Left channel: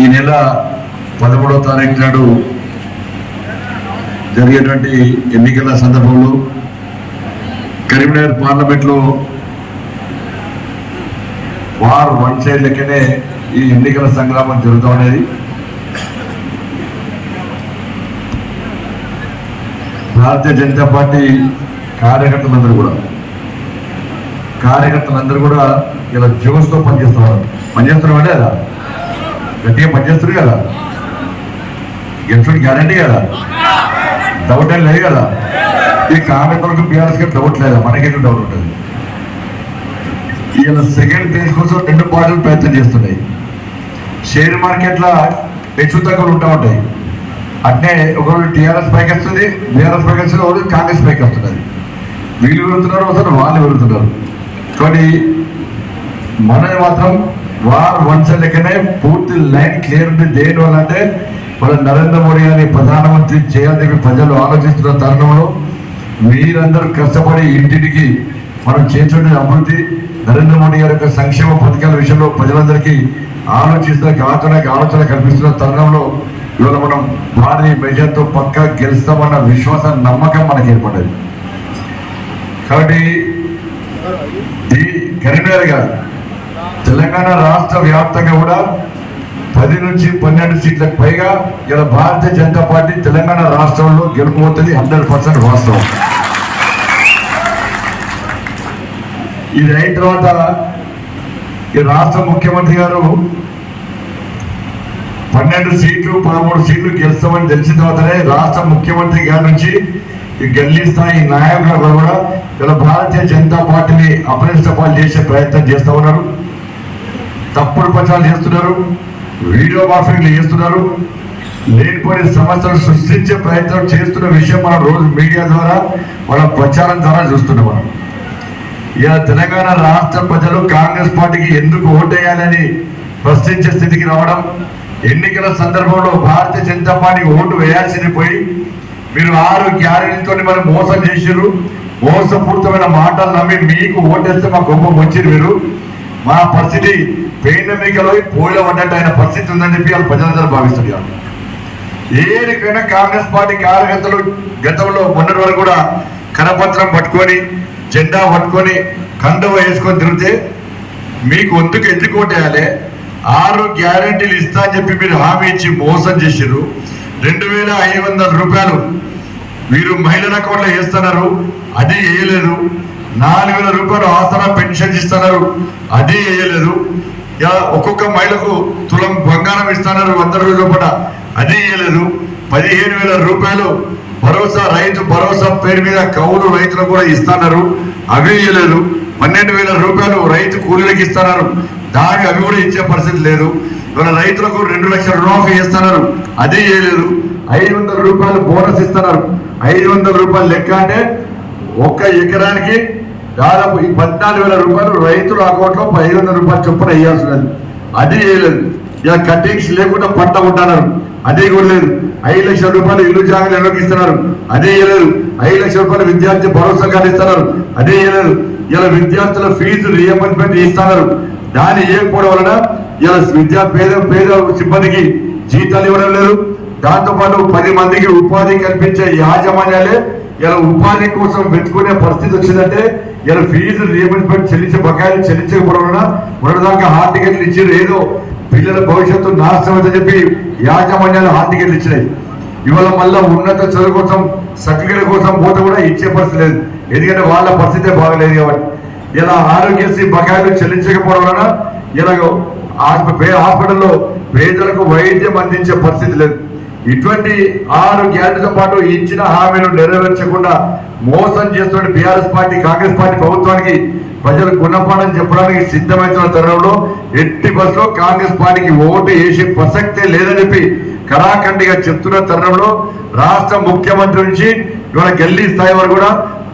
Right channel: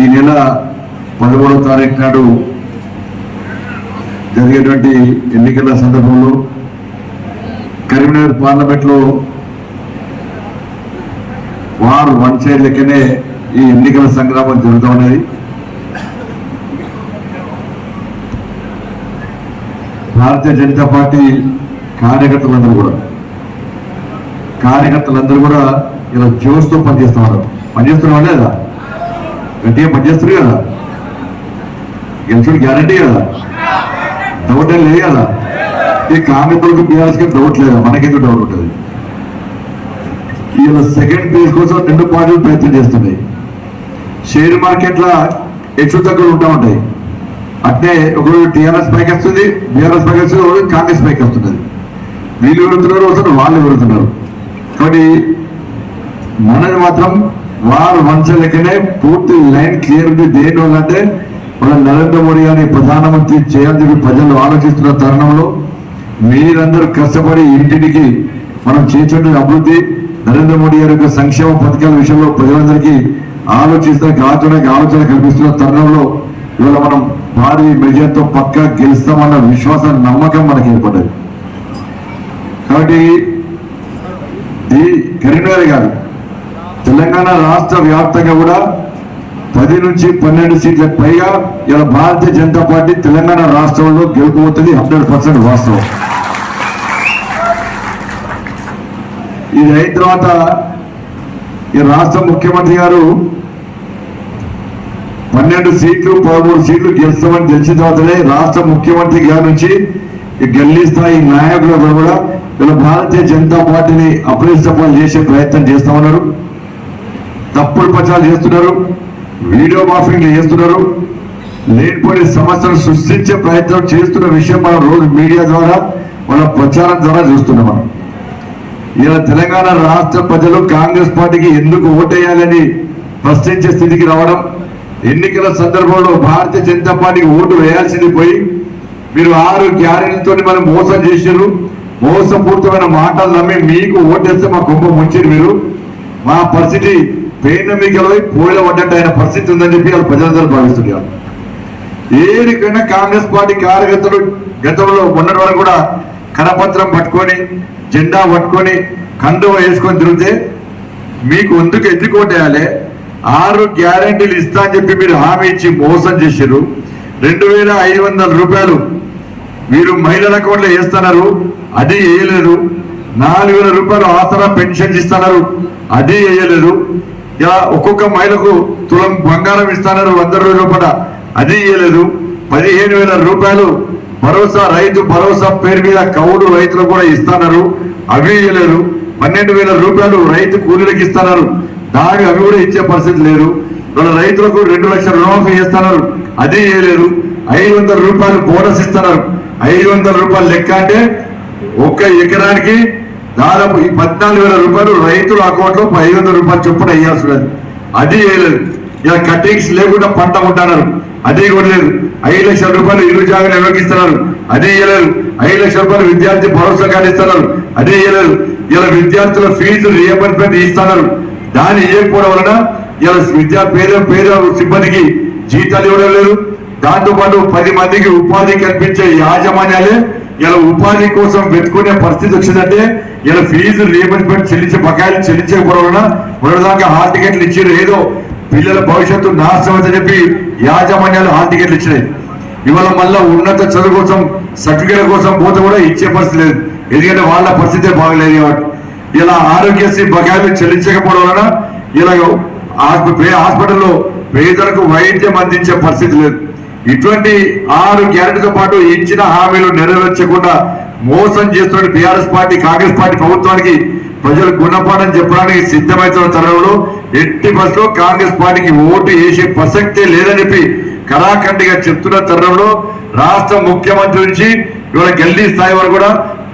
ఈ నెల 13వ తారీఖు నాడు జరిగేటువంటి ఎన్నికల సందర్భంలో కరీంనగర్ పార్లమెంట్లో వార్ వన్ సైడ్ లెక్కనే ఈ ఎన్నికల సంగ్రామం జరుగుతూ ఉన్నది. భారతీయ జనతా పార్టీ కార్యకర్తలందరూ కూడా ఇలా జోష్తో పనిచేస్తున్నారు. పనిచేస్తున్నారు లేదా? గట్టిగా పనిచేస్తారు కదా? గెలుచుడు గ్యారంటీ కదా? డౌట్ ఏం లేదు కదా? ఈ కాంగ్రెస్ బీఆర్ఎస్కి డౌట్ లేదా? మనకెందుకు డౌట్ ఉంటుంది? ఈయన సెకండ్ ఫేజ్ కోసం 2 పార్టీలు ప్రయత్నం చేస్తున్నాయి. షేర్ మార్కెట్లో హెచ్చు తక్కువలు ఉంటా ఉంటాయి. అట్నే ఒకరోజు టీఆర్ఎస్ పైకి వస్తుంది, బీఆర్ఎస్ పైకి వస్తుంది, ఒకరోజు కాంగ్రెస్ పైకి వస్తున్నది. వీళ్ళు విరుగుతున్నారు, వస్తారు వాళ్ళు విరుగుతున్నారు. కాబట్టి మనది మాత్రం వారు వంచలేకనే పూర్తి లైన్ క్లియర్ ఉంది. దేని వల్ల అంటే మన నరేంద్ర మోడీ గారిని ప్రధానమంత్రి చేయాలని ప్రజలు ఆలోచిస్తున్న తరుణంలో మీరందరూ కష్టపడి ఇంటికి మనం చేసేటువంటి అభివృద్ధి నరేంద్ర మోడీ గారి యొక్క సంక్షేమ పథకాల విషయంలో ప్రజలందరికీ ఆలోచన కల్పిస్తున్న తరుణంలో ఇవాళ మనం భారీ మెజార్టీతో పక్కా గెలుస్తామన్న విశ్వాసం నమ్మకం మనకి ఏర్పడ్డది. కాబట్టి ఈ కరీంనగర్ కాదు, తెలంగాణ రాష్ట్ర వ్యాప్తంగా కూడా 10 నుంచి 12 సీట్లకు పైగా ఇలా భారతీయ జనతా పార్టీ తెలంగాణ రాష్ట్రంలో గెలుపుతుంది. 100% వాస్తవం. ఇది అయిన తర్వాత ఈ రాష్ట్ర ముఖ్యమంత్రి గారు 12 సీట్లు 13 సీట్లు గెలుస్తామని తెలిసిన తర్వాతనే రాష్ట్ర ముఖ్యమంత్రి గారి నుంచి ఈ గల్లీ స్థాయి నాయకులకు కూడా ఇలా భారతీయ జనతా పార్టీని అప్రతిష్టపాలు చేసే ప్రయత్నం చేస్తూ ఉన్నారు. తప్పుడు ప్రచారాలు చేస్తున్నారు, వీడియో మార్ఫింగ్లు చేస్తున్నారు, లేనిపోయిన సమస్యలు సృష్టించే ప్రయత్నం చేస్తున్న విషయం మనం రోజు మీడియా ద్వారా మన ప్రచారం ద్వారా చూస్తున్నాం. మనం ఇలా తెలంగాణ రాష్ట్ర ప్రజలు కాంగ్రెస్ పార్టీకి ఎందుకు ఓటేయాలని ప్రశ్నించే స్థితికి రావడం, ఎన్నికల సందర్భంలో భారతీయ జనతా పార్టీకి ఓటు వేయాల్సింది పోయి మీరు 6 గ్యారెంటీలతో మనం మోసం చేసారు, మోసపూరితమైన మాటలు నమ్మి మీకు ఓటేస్తే మా గొప్ప ముంచారు. మీరు మా పరిస్థితి పేనమికలో పోయిన పడ్డట్టు ఆయన పరిస్థితి ఉందని చెప్పి వాళ్ళు ప్రజలందరూ భావిస్తున్నారు. ఏరికైనా కాంగ్రెస్ పార్టీ కార్యకర్తలు గతంలో మొన్నటి వరకు కూడా కరపత్రం పట్టుకొని జెండా పట్టుకొని కండువ వేసుకొని తిరిగితే మీకు ఎందుకు ఓటేయాలి? 6 గ్యారెంటీలు ఇస్తా అని చెప్పి మీరు హామీ ఇచ్చి మోసం చేశారు. 2500 రూపాయలు మీరు మహిళల అకౌంట్లో వేస్తున్నారు, అది వేయలేదు. 4000 రూపాయలు ఆసరా పెన్షన్ ఇస్తున్నారు, అది వేయలేదు. ఒక్కొక్క మహిళకు తులం బంగారం ఇస్తున్నారు 100 రోజుల పాట, అది వేయలేదు. 15,000 రూపాయలు భరోసా రైతు భరోసా పేరు మీద కౌలు రైతులకు కూడా ఇస్తున్నారు, అవి వేయలేదు. 12,000 రూపాయలు రైతు కూలీలకు ఇస్తున్నారు, దానికి అవి కూడా ఇచ్చే పరిస్థితి లేదు. వాళ్ళ రైతులకు 2 లక్షల రుణమాఫీ చేస్తున్నారు, అది వేయలేదు. 500 రూపాయలు బోనస్ ఇస్తున్నారు. 500 రూపాయలు లెక్క అంటే 1 ఎకరానికి దాదాపు 14,000 రూపాయలు రైతుల అకౌంట్ లో 500 రూపాయలు చొప్పున వేయాల్సి ఉన్నది, అది వేయలేదు. ఇలా కటింగ్స్ లేకుండా పంట ఉంటున్నారు, అది కూడా లేదు. 5 లక్షల రూపాయలు ఇల్లు జాగాలు నిర్వహిస్తున్నారు, అది వేయలేదు. 5 లక్షల రూపాయలు విద్యార్థి భరోసా కార్డు ఇస్తున్నారు, అది వేయలేదు. ఇలా విద్యార్థుల ఫీజు రియంబర్స్మెంట్ ఇస్తున్నారు, దాన్ని ఇవ్వకపోవడం వలన ఇలా పేద సిబ్బందికి జీతాలు ఇవ్వడం లేదు. దాంతో పాటు 10 మందికి ఉపాధి కల్పించే యాజమాన్యాలే ఇలా ఉపాధి కోసం వెతుకునే పరిస్థితి వచ్చిందంటే ఇలా ఫీజు రియంబర్స్మెంట్ చెల్లించే బకాయిలు చెల్లించకపోవడం వలన మొదటిదాకా హాల్ టికెట్లు ఇచ్చారు. ఏదో పిల్లల భవిష్యత్తు నాశనం అని చెప్పి యాజమాన్యాలు హాల్ టికెట్లు ఇచ్చినాయి. ఇవాళ మళ్ళా ఉన్నత చదువు కోసం సర్టిఫికేట్ కోసం పోతే కూడా ఇచ్చే పరిస్థితి లేదు, ఎందుకంటే వాళ్ళ పరిస్థితే బాగలేదు. ఇలా ఆరోగ్యశ్రీ బకాయిలు చెల్లించకపోవడం వలన ఇలా హాస్పిటల్లో పేదలకు వైద్యం అందించే పరిస్థితి లేదు. ఇటువంటి 6 గ్యారెంటీతో పాటు ఇచ్చిన హామీలు నెరవేర్చకుండా మోసం చేస్తున్న బీఆర్ఎస్ పార్టీ కాంగ్రెస్ పార్టీ ప్రభుత్వానికి ప్రజలు గుణపాఠం చెప్పడానికి సిద్ధమవుతున్న తరుణంలో ఎట్టి బస్సులో కాంగ్రెస్ పార్టీకి ఓటు వేసే ప్రసక్తే లేదని చెప్పి కరాఖండిగా చెప్తున్న తరుణంలో రాష్ట్ర ముఖ్యమంత్రి నుంచి ఇవాళ గల్లీ స్థాయి వరకు కూడా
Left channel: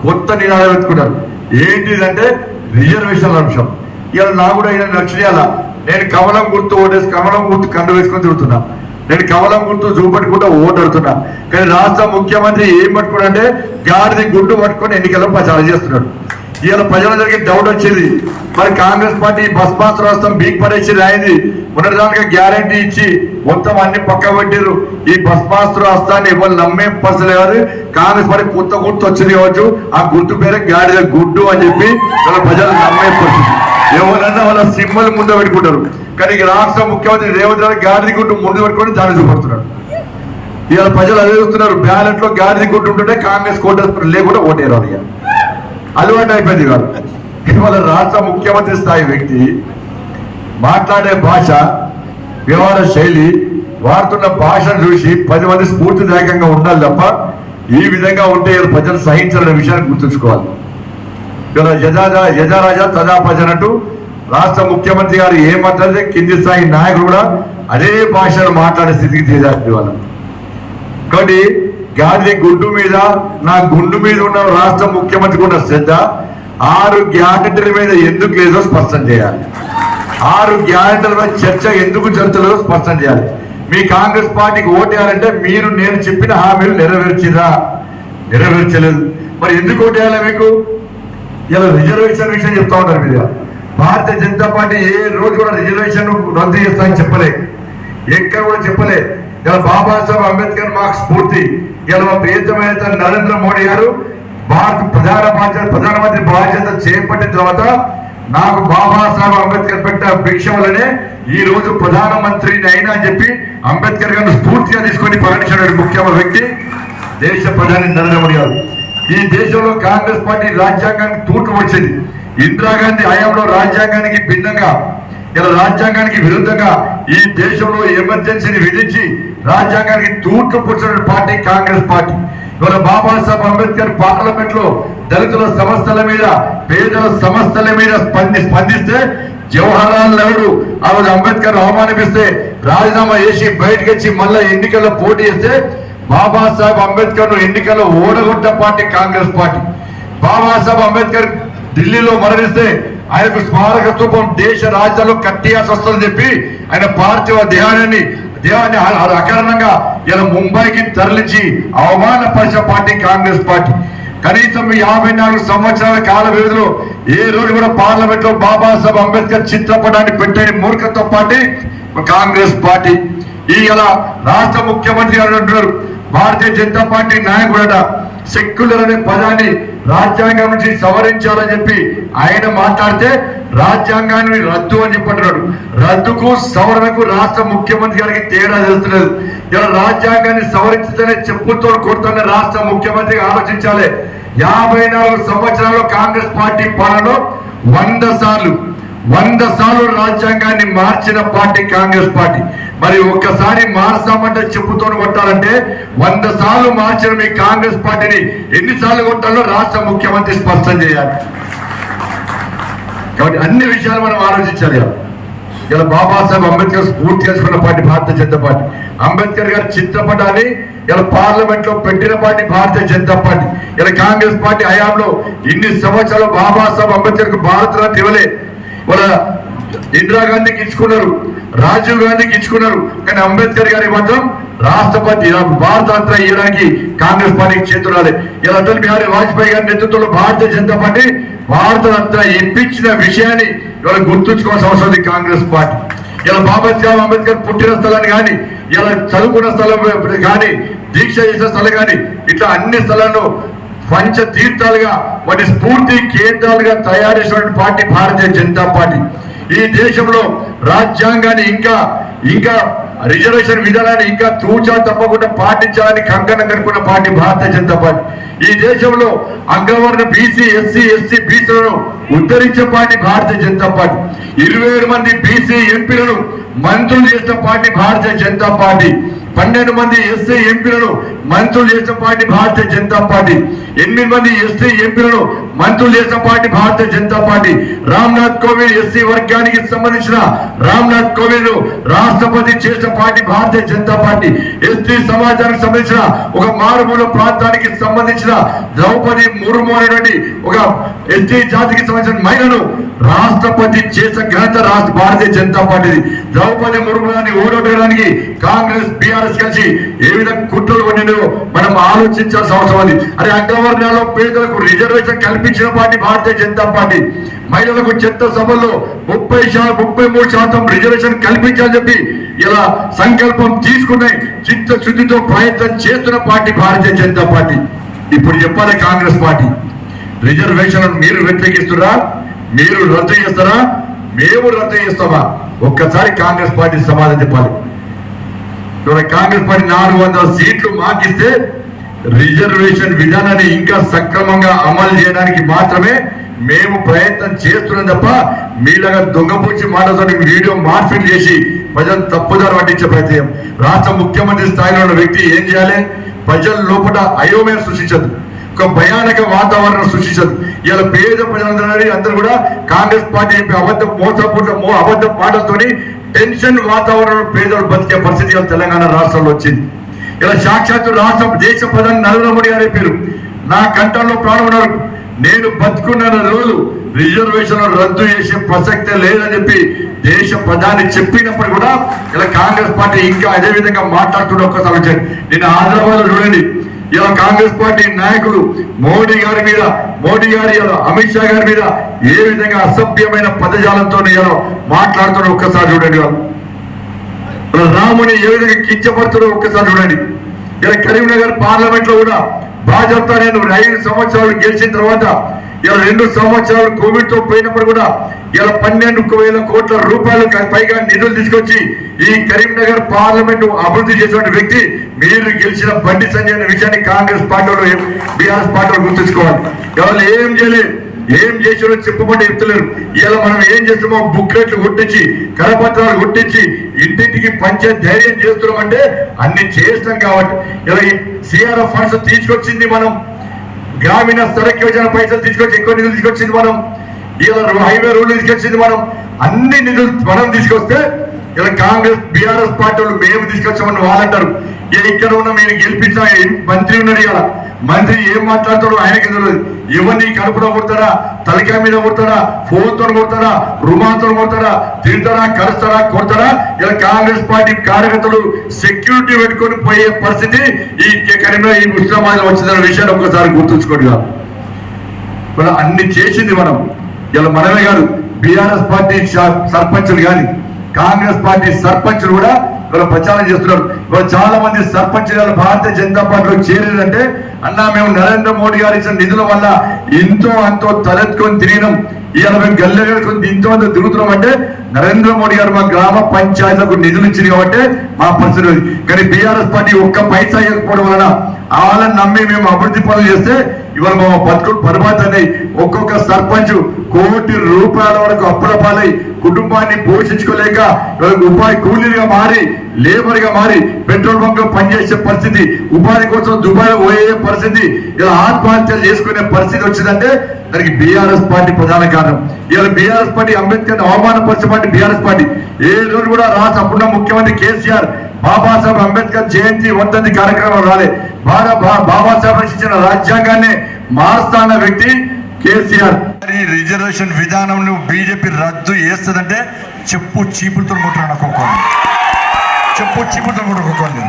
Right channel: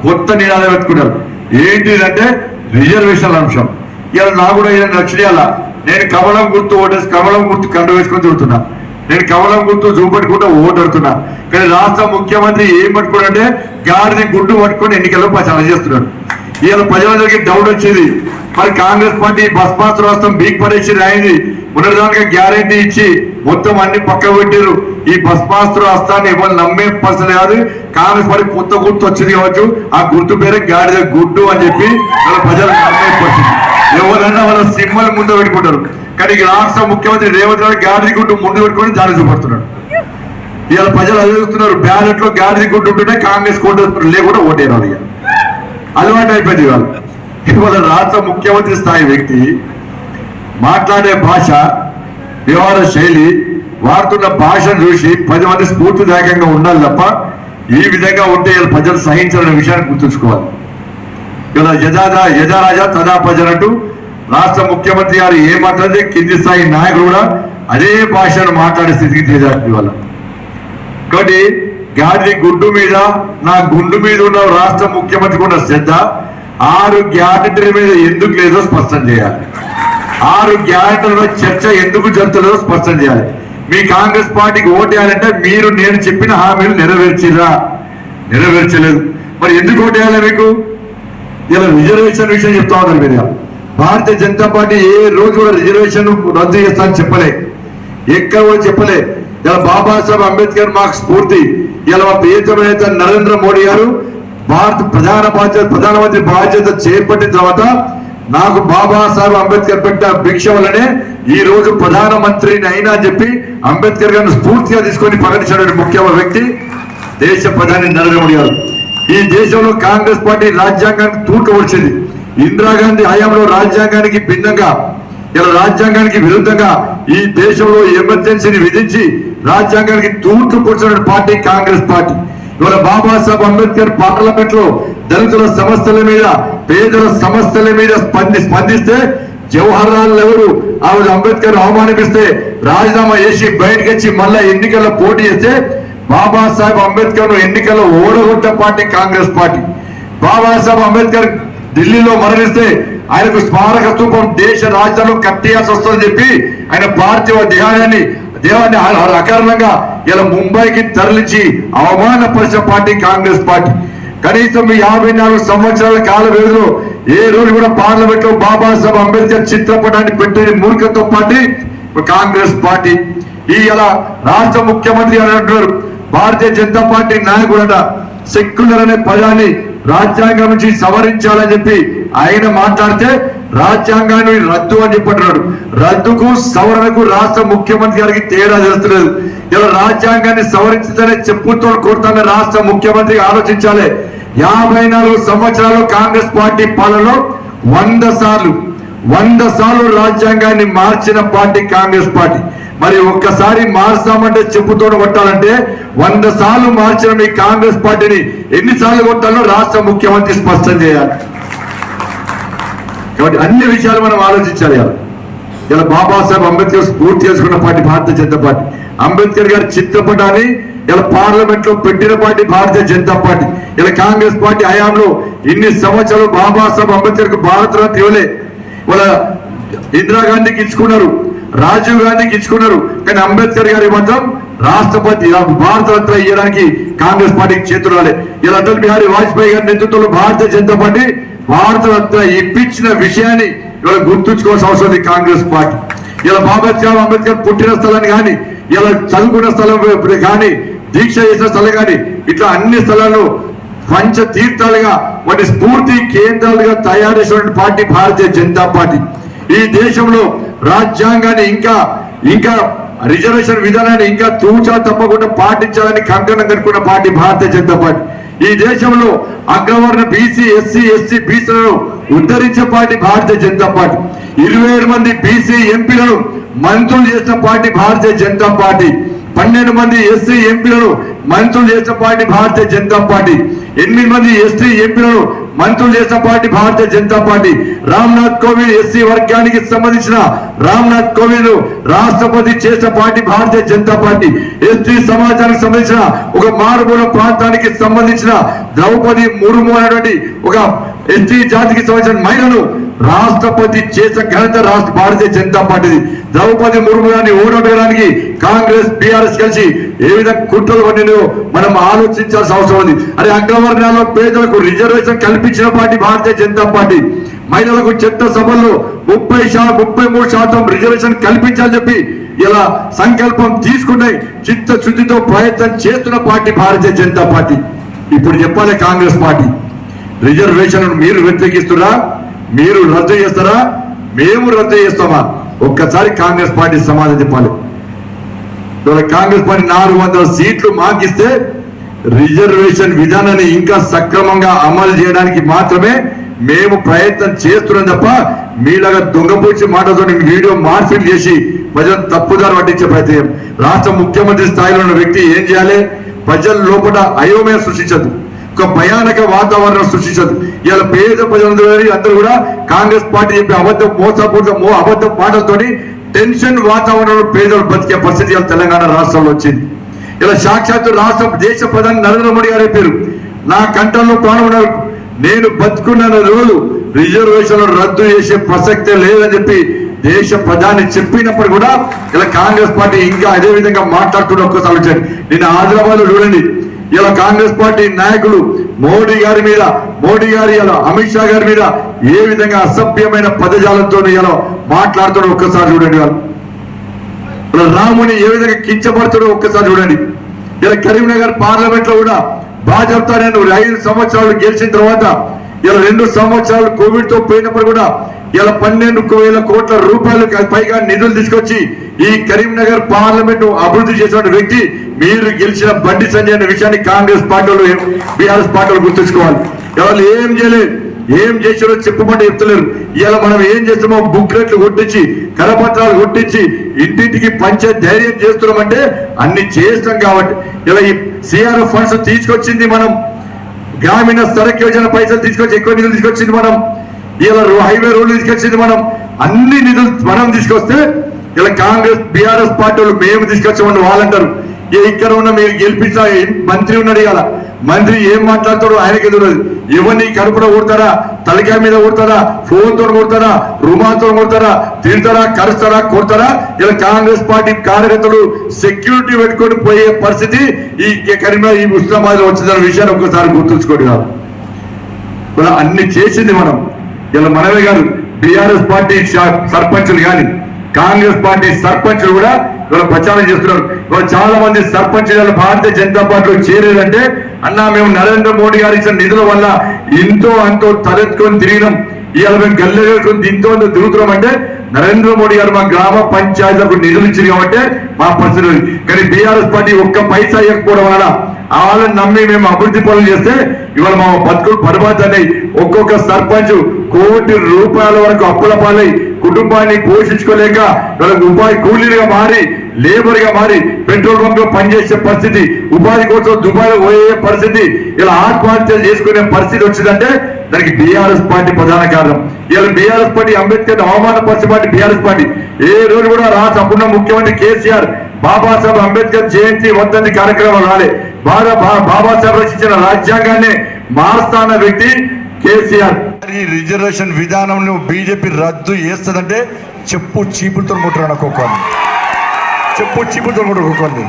కొత్త నినాదం ఎత్తుకున్నారు. ఏంటిదంటే రిజర్వేషన్ల అంశం. ఇలా నాకు కూడా నచ్చినాల నేను కమలం గుర్తు ఓటేసి కమలం గుర్తు కండు వేసుకొని తిరుగుతున్నా, నేను కమలం గుర్తు చూపెట్టుకుంటూ ఓటు అడుతున్నా. కానీ రాష్ట్ర ముఖ్యమంత్రి ఏం పట్టుకోడంటే గాడిది గుడ్డు పట్టుకొని ఎన్నికల్లో ప్రచారం చేస్తున్నాడు. ఈయన ప్రజలందరికీ డౌట్ వచ్చేది, మరి కాంగ్రెస్ పార్టీ బస్ పాస్ రాష్ట్రం బీక్ పడేసింది అయింది, ఉన్నదానికి గ్యారంటీ ఇచ్చి మొత్తం అన్ని పక్క పెట్టారు. ఈ బస్ పాస్ రాష్ట్రాన్ని ఎవరు నమ్మే పరిస్థితి కాదు. కాంగ్రెస్ పార్టీ కొత్త గుర్తు వచ్చింది కావచ్చు, ఆ గుర్తు పేరే గాడిద గుడ్డు అని చెప్పి వాళ్ళ ప్రజలు నమ్మే పరిస్థితి. ఎవరన్నా వాళ్ళ సింబల్ ముందు పెట్టుకుంటారు. కానీ రాష్ట్ర ముఖ్యమంత్రి రేవంత్ రెడ్డి గాడిద గుడ్డు ముందు పెట్టుకుని దాడి పడుతున్నాడు. ఇవాళ ప్రజలు అదే చూస్తున్నారు, బ్యాలెట్ లో గాడిద గుడ్డు ఉంటుంటే కాంగ్రెస్ కోట లేకుండా ఓటేరు. ఇక అలవాటు అయిపోయింది. ఇవాళ రాష్ట్ర ముఖ్యమంత్రి స్థాయి వ్యక్తి మాట్లాడే భాష, వ్యవహార శైలి, వాడుతున్న భాషను చూసి 10 మంది స్ఫూర్తిదాయకంగా ఉండాలి తప్ప ఈ విధంగా ఉంటే ప్రజలు సహించాలనే విషయాన్ని గుర్తుంచుకోవాలి. ఇలా యజారాజా తదా ప్రజలంటూ రాష్ట్ర ముఖ్యమంత్రి గారు ఏమంటే కింది స్థాయి నాయకులు కూడా అదే భాషను మాట్లాడే స్థితికి తీరాలి వాళ్ళ. కాబట్టి గాడి గుడ్డు మీద నా గుండు మీద ఉన్న రాష్ట్ర ముఖ్యమంత్రికి ఉన్న శ్రద్ధ 6 గ్యారెంటీల మీద ఎందుకు లేదో స్పష్టం చేయాలి. 6 గ్యారెంటీల చర్చ ఎందుకు జరుగుతుందో స్పష్టం చేయాలి. మీ కాంగ్రెస్ పార్టీకి ఓటేయాలంటే మీరు నేను చెప్పిన హామీలు నెరవేర్చలేదు. మరి ఎందుకు ఓటేయాలి మీకు? ఇలా రిజర్వేషన్ విషయం చెప్తా ఉన్నారు మీరు. భారతీయ జనతా పార్టీ ఏ రోజు కూడా రిజర్వేషన్ రద్దు చేస్తా అని చెప్పలే, ఎక్కడ కూడా చెప్పలే. ఇలా బాబాసాహెబ్ అంబేద్కర్ మాకు స్ఫూర్తి. ఇలా ప్రియతమ నేత నరేంద్ర మోడీ గారు భారత ప్రధానమంత్రి బాధ్యత చేపట్టిన తర్వాత నాకు బాబాసాహెబ్ అంబేద్కర్ పెట్ట భిక్ష వల్లనే ఈ రోజు ప్రధానమంత్రిని అయినా అని చెప్పి అంబేద్కర్ గారిని స్ఫూర్తిగా తీసుకొని ప్రకటించిన ముఖ్యమైన వ్యక్తి దేశ ప్రధాని నరేంద్ర మోడీ గారు. ఈ దేశంలో కాంగ్రెస్ పార్టీ రాజ్యాంగానికి తూట్లు వచ్చింది. ఇందిరాగాంధీ హయాంలో రాజ్యాంగానికి భిన్నంగా, ఇలా రాజ్యాంగానికి విరుద్ధంగా ఈ దేశంలో ఎమర్జెన్సీని విధించి రాజ్యాంగానికి తూట్లు పొడిచిన పార్టీ కాంగ్రెస్ పార్టీ. ఇవాళ బాబాసాహెబ్ అంబేద్కర్ పార్లమెంట్ లో దళితుల సమస్యల మీద, పేదల సమస్యల మీద స్పందిస్తే జవహర్ లాల్ నెహ్రూ ఆ రోజు అంబేద్కర్ అవమానిపిస్తే రాజీనామా చేసి బయటకు వచ్చి మళ్ళా ఎన్నికల్లో పోటీ చేస్తే బాబాసాహెబ్ అంబేద్కర్ ఎన్నికల్లో ఓడగొట్టే పార్టీ కాంగ్రెస్ పార్టీ. బాబాసాహెబ్ అంబేద్కర్ ఢిల్లీలో మరణిస్తే ఆయనకు స్మారక స్థూపం దేశ రాజధానిలో కట్టేయాల్సి వస్తుందని చెప్పి ఆయన పార్థివ దేహాన్ని అకారణంగా ఇలా ముంబైకి తరలించి అవమానపరిచిన పార్టీ కాంగ్రెస్ పార్టీ. కనీసం 54 సంవత్సరాల కాల వ్యవధిలో ఏ రోజు కూడా పార్లమెంట్ లో బాబాసాహెబ్ అంబేద్కర్ చిత్రపటాన్ని పెట్టే మూర్ఖత్వ పార్టీ కాంగ్రెస్ పార్టీ. ఈ ఇలా రాష్ట్ర ముఖ్యమంత్రి గారు అంటున్నారు, భారతీయ జనతా పార్టీ నాయకుడట సెక్యులర్ అనే పదాన్ని రాజ్యాంగం నుంచి సవరించాలని చెప్పి ఆయన మాట్లాడితే రాజ్యాంగాన్ని రద్దు అని చెప్పంటున్నాడు. రద్దుకు సవరణకు రాష్ట్ర ముఖ్యమంత్రి గారికి తేడా తెలుస్తలేదు. ఇలా రాజ్యాంగాన్ని సవరించదనే చెప్పుతో కొడుతున్న రాష్ట్ర ముఖ్యమంత్రి ఆలోచించాలి. 54 సంవత్సరాలు కాంగ్రెస్ పార్టీ పాలనలో 100 సార్లు రాజ్యాంగాన్ని మార్చిన పార్టీ కాంగ్రెస్ పార్టీ. మరి ఒక్కసారి మార్చామంటే చెప్పుతో కొట్టాలంటే 100 సార్లు మార్చిన మీ కాంగ్రెస్ పార్టీని ఎన్నిసార్లు కొట్టాలో రాష్ట్ర ముఖ్యమంత్రి స్పష్టం చేయాలి. కాబట్టి అన్ని విషయాలు మనం ఆలోచించాలి. ఇలా బాబాసాహెబ్ అంబేద్కర్ స్ఫూర్తి చేసుకున్న పార్టీ భారతీయ జనతా పార్టీ. అంబేద్కర్ గారి చిత్రపటాన్ని ఇలా పార్లమెంట్ లో పెట్టిన పార్టీ భారతీయ జనతా పార్టీ. ఇలా కాంగ్రెస్ పార్టీ హయాంలో ఇన్ని సంవత్సరాలు బాబాసాహెబ్ అంబేద్కర్ కు భారతరత్న ఇవ్వలే. వాళ్ళ ఇందిరాగాంధీకి ఇచ్చుకున్నారు, రాజీవ్ గాంధీకి ఇచ్చుకున్నారు, కానీ అంబేద్కర్ గారి మాత్రం రాష్ట్రపతి భారతరత్న ఇవ్వడానికి కాంగ్రెస్ పార్టీకి చేతురాలే. ఇలా అటల్ బిహారీ వాజ్పేయి గారి నేతృత్వంలో భారతీయ జనతా పార్టీ భారతరత్న ఇప్పించిన విషయాన్ని ఇవాళ గుర్తుంచుకోవాల్సిన అవసరం ఉంది కాంగ్రెస్ పార్టీ. ఇలా బాబాసాహెబ్ అంబేద్కర్ పుట్టిన స్థలాన్ని కానీ, ఇలా చదువుకున్న స్థలం కానీ, దీక్ష చేసిన స్థలం కానీ, ఇట్లా అన్ని స్థలాల్లో పంచ తీర్థాలుగా వాటి స్ఫూర్తి కేంద్రాలుగా తయారు చేసిన పార్టీ భారతీయ జనతా పార్టీ. ఈ దేశంలో రాజ్యాంగాన్ని ఇంకా రిజర్వేషన్ విధానాన్ని ఇంకా తూచా తప్పకుండా పాటించాలని కంకణం కట్టుకున్న పార్టీ భారతీయ జనతా పార్టీ. ఈ దేశంలో అగ్రవర్ణ బీసీ, ఎస్సీ, ఎస్టీ, బీసీలను ఉద్ధరించే పార్టీ భారతీయ జనతా పార్టీ. 27 మంది బీసీ ఎంపీలను మంత్రులు చేసిన పార్టీ భారతీయ జనతా పార్టీ. 12 మంది ఎస్సీ ఎంపీలను మంత్రులు చేసిన పార్టీ భారతీయ జనతా పార్టీ. 8 మంది ఎస్టీ ఎంపీలను మంత్రులు చేసిన party Bharatiya Janata party. Ramnath Kovind SC వర్గానికి సంబంధించిన రామ్నాథ్ కోవింద్ రాష్ట్రపతి చేసిన party Bharatiya Janata party. ST సమాజానికి సంబంధించిన ఒక మారుమూల ప్రాంతానికి సంబంధించిన ద్రౌపది ముర్ము అనేటువంటి ఒక ఎస్టీ జాతికి సంబంధించిన మహిళను రాష్ట్రపతి చేసిన ఘనత భారతీయ జనతా పార్టీది. ద్రౌపది ముర్ము గారిని ఓడగొట్టడానికి కాంగ్రెస్, బీఆర్ఎస్ కలిసి ఏ విధంగా కుట్రలు పడినో మనం ఆలోచించాల్సిన అవసరం ఉంది. అరే అగ్రవర్ణాల్లో పేదలకు రిజర్వేషన్ కల్పి కల్పించిన పార్టీ భారతీయ జనతా పార్టీ. మహిళలకు చట్టసభల్లో 33% రిజర్వేషన్ కల్పించాలని చెప్పి ఇలా సంకల్పం తీసుకునే చిత్తశుద్ధితో ప్రయత్నం చేస్తున్న పార్టీ భారతీయ జనతా పార్టీ. ఇప్పుడు చెప్పాలి కాంగ్రెస్ పార్టీ, రిజర్వేషన్ మీరు వ్యతిరేకిస్తున్నా, మీరు రద్దు చేస్తారా, మేము రద్దు చేస్తామా? ఒక్కసారి కాంగ్రెస్ పార్టీ సమాధానం చెప్పాలి. ఇవాళ కాంగ్రెస్ పార్టీ 400 సీట్లు మాకిస్తే రిజర్వేషన్ విధానాన్ని ఇంకా సక్రమంగా అమలు చేయడానికి మాత్రమే మేము ప్రయత్నం చేస్తున్నాం తప్ప మీలాగా దొంగపూడ్చి మాటలతో వీడియో మార్పిడి చేసి ప్రజలు తప్పుదారు పట్టించే ప్రయత్నం. రాష్ట్ర ముఖ్యమంత్రి స్థాయిలో ఉన్న వ్యక్తి ఏం చేయాలి? ప్రజల లోపల అయోమయం సృష్టించదు, ఒక భయానక వాతావరణం సృష్టించదు. ఇలా పేద ప్రజలందరూ కూడా కాంగ్రెస్ పార్టీ చెప్పి అబద్ధ మాటలతోని టెన్షన్ వాతావరణంలో పేదలు బతికే పరిస్థితి తెలంగాణ రాష్ట్రంలో వచ్చింది. ఇలా సాక్షాత్తు దేశ ప్రధాని నరేంద్ర మోడీ గారు చెప్పారు, నా కంఠంలో ప్రాణం ఉన్నారు, నేను బతుకున్న రోజులు రిజర్వేషన్ రద్దు చేసే ప్రసక్తే లేదని చెప్పి దేశ ప్రధాని చెప్పినప్పుడు కూడా ఇలా కాంగ్రెస్ పార్టీ ఇంకా అదే విధంగా మాట్లాడుతున్న ఒక్కసారి వచ్చారు. నేను హైదరాబాద్ లో చూడండి, ఇలా కాంగ్రెస్ పార్టీ నాయకులు మోడీ గారి మీద, ఇలా అమిత్ షా గారి మీద ఏ విధంగా అసభ్యమైన పదజాలంతో ఇలా మాట్లాడుతున్న ఒక్కసారి చూడండి. వాళ్ళు రాముని ఏ విధంగా కించపడుతున్నా ఒక్కసారి చూడండి. ఇలా కరీంనగర్ పార్లమెంట్ లో కూడా భాజపా నేను 5 సంవత్సరాలు గెలిచిన తర్వాత ఇలా 2 సంవత్సరాలు కోవిడ్ తో పోయినప్పుడు కూడా ఇలా 12,000 కోట్ల రూపాయలకు పైగా నిధులు తీసుకొచ్చి ఈ కరీంనగర్ పార్లమెంట్ అభివృద్ధి చేసిన వ్యక్తి మీరు గెలిచిన బండి సంజయ్ అనే విషయాన్ని కాంగ్రెస్ పార్టీలో బీఆర్ఎస్ పార్టీలో గుర్తుంచుకోవాలి. ఎవరు ఏం చేయలేదు, ఏం చేసారో చెప్పమంటే చెప్తలేరు. ఇలా మనం ఏం చేస్తామో బుక్లెట్లు కొట్టించి, కరపత్రాలు కొట్టించి ఇంటింటికి పంచే ధైర్యం చేస్తున్నామంటే అన్ని చేస్తాం కాబట్టి. ఇలా ఈ సిఆర్ఎఫ్ ఫండ్స్ తీసుకొచ్చింది మనం, గ్రామీణ సడక్ యోజన పైసలు తీసుకొచ్చి ఎక్కువ నిధులు తీసుకొచ్చింది మనం, ఇలా హైవే రోడ్లు తీసుకొచ్చింది మనం, అన్ని నిధులు మనం తీసుకొస్తే ఇలా కాంగ్రెస్ బీఆర్ఎస్ పార్టీలు మేము తీసుకొచ్చామని వాళ్ళంటారు. ఇక్కడ ఉన్న మీరు గెలిపించిన మంత్రి ఉన్నాడు, ఇలా మంత్రి ఏం మాట్లాడతాడు ఆయనకి ఎదురదు. ఎవరిని కడుపులో కొడతారా, తలకాయ మీద కొడతారా, ఫోన్ తో కొడతారా, రుమాతో కొడతారా, తిడతారా, కరుస్తారా, కొడతారా? ఇలా కాంగ్రెస్ పార్టీ కార్యకర్తలు సెక్యూరిటీ పెట్టుకొని పోయే పరిస్థితి ఈ కరీంనగర్ ఈ ముస్లామాబాద్ లో వచ్చిందన్న విషయాన్ని ఒక్కసారి గుర్తుంచుకోండి. అన్ని చేసింది మనం. ఇలా మనమే కాదు, బీఆర్ఎస్ పార్టీ సర్పంచులు కానీ కాంగ్రెస్ పార్టీ సర్పంచులు కూడా ఇవాళ ప్రచారం చేస్తున్నారు. ఇవాళ చాలా మంది సర్పంచులు భారతీయ జనతా పార్టీలో చేరేదంటే అన్నా మేము నరేంద్ర మోడీ గారు ఇచ్చిన నిధుల వల్ల ఎంతో అంతో తలెత్తుకొని తిరిగినాం, ఇవాళ మేము గల్లె వేసుకొని ఇంతో అంత తిరుగుతున్నాం అంటే నరేంద్ర మోడీ గారు మా గ్రామ పంచాయతీలకు నిధులు ఇచ్చింది కాబట్టి మా పరిస్థితి. కానీ బీఆర్ఎస్ పార్టీ ఒక్క పైసా ఇవ్వకపోవడం వలన వాళ్ళని నమ్మి మేము అభివృద్ధి పనులు చేస్తే ఇవాళ మా బతుకులు బర్బాద్ అన్నాయి. ఒక్కొక్క సర్పంచ్ కోటి రూపాయల వరకు అప్పుల పాలై కుటుంబాన్ని పోషించుకోలేక ఉపాధి కూలీలుగా మారి, లేబర్ గా మారి పెట్రోల్ బంక్ లో పనిచేసే పరిస్థితి, ఉపాధి కోసం దుబాయ్ పోయే పరిస్థితి, ఇలా ఆత్మహత్యలు చేసుకునే పరిస్థితి వచ్చిందంటే దానికి బీఆర్ఎస్ పార్టీ ప్రధాన కారణం. ఇలా బీఆర్ఎస్ పార్టీ అంబేద్కర్ అవమానపరిచే పార్టీ బీఆర్ఎస్ పార్టీ. ఏ రోజు కూడా రాష్ట్ర అప్పుడున్న ముఖ్యమంత్రి కేసీఆర్ బాబాసాహెబ్ అంబేద్కర్ జయంతి వర్ధంతి కార్యక్రమం రాలే. బాబాసాహెబ్ రచించిన రాజ్యాంగాన్ని మారుస్తాన్న వ్యక్తి కేసీఆర్. ఈ రిజర్వేషన్ విధానం బీజేపీ రద్దు చేస్తుందంటే చెప్పు చీపులతో ముట్టరు అనుకోవాలి, చెప్పు చీపులతో ముట్టుకోవాలి.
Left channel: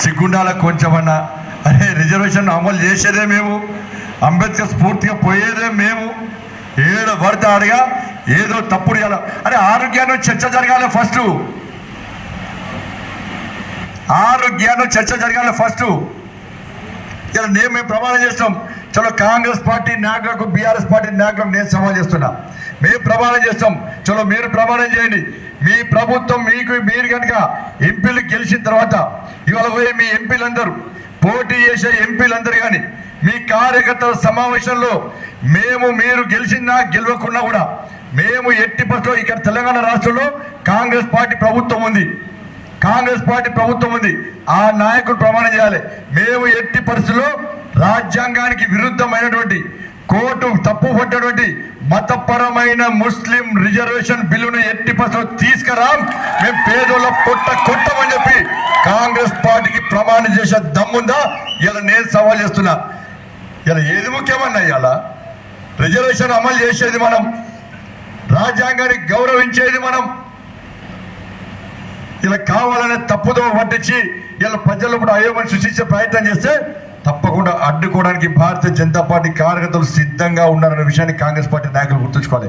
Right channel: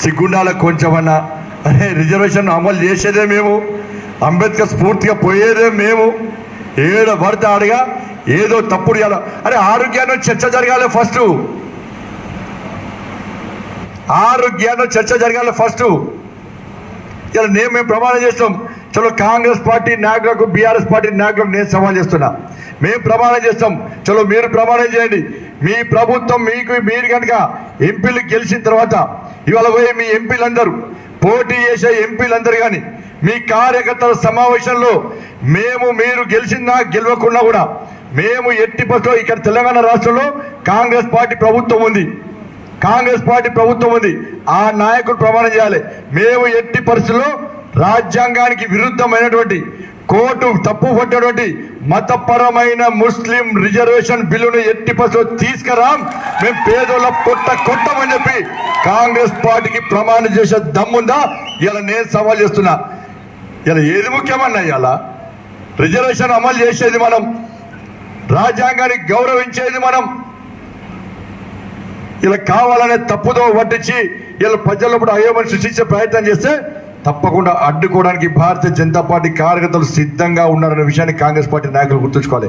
సిగ్గుండాల కొంచెమన్నా అరే రిజర్వేషన్ అమలు చేసేదే మేము, అంబేద్కర్ స్ఫూర్తిగా పోయేదే మేము, ఏదో పడితే ఆడగా ఏదో తప్పుడు చేయాలి. అరే ఆరోగ్యాన్ని చర్చ జరగాలి ఫస్ట్, ఆరోగ్యాన్ని చర్చ జరగాలి ఫస్ట్. ఇలా మేము ప్రమాణం చేస్తాం. చలో కాంగ్రెస్ పార్టీ నాయకులకు బీఆర్ఎస్ పార్టీ నాయకులకు నేను సవాల్ చేస్తున్నా, మేము ప్రమాణం చేస్తాం, చలో మీరు ప్రమాణం చేయండి. మీ ప్రభుత్వం మీరు కనుక ఎంపీలు గెలిచిన తర్వాత ఇవాళ పోయి మీ ఎంపీలందరూ పోటీ చేసే ఎంపీలందరూ కానీ మీ కార్యకర్తల సమావేశంలో మీరు గెలిచినా గెలవకున్నా కూడా మేము ఎట్టి పరిస్థితుల్లో ఇక్కడ తెలంగాణ రాష్ట్రంలో కాంగ్రెస్ పార్టీ ప్రభుత్వం ఉంది, కాంగ్రెస్ పార్టీ ప్రభుత్వం ఉంది, ఆ నాయకులు ప్రమాణం చేయాలి. మేము ఎట్టి పరిస్థితుల్లో రాజ్యాంగానికి విరుద్ధమైనటువంటి కోర్టు తప్పు పట్టినటువంటి మతపరమైన ముస్లిం రిజర్వేషన్ బిల్లును ఎట్టి పరిస్థితుల్లో తీసుకురాం, మేము పేదోళ్ళ కొట్టమని చెప్పి కాంగ్రెస్ పార్టీకి ప్రమాణం చేసే దమ్ముందా? ఇలా నేను సవాల్ చేస్తున్నా. ఇలా ఏది ముఖ్యమన్నా, ఇలా రిజర్వేషన్ అమలు చేసేది మనం, రాజ్యాంగానికి గౌరవించేది మనం. ఇలా కావాలనే తప్పుదో పట్టించి ఇలా ప్రజల్లో అయోమని సృష్టించే ప్రయత్నం చేస్తే తప్ప తప్పకుండా అడ్డుకోవడానికి భారతీయ జనతా పార్టీ కార్యకర్తలు సిద్ధంగా ఉన్నారనే విషయాన్ని కాంగ్రెస్ పార్టీ నాయకులు గుర్తుంచుకోవాలి.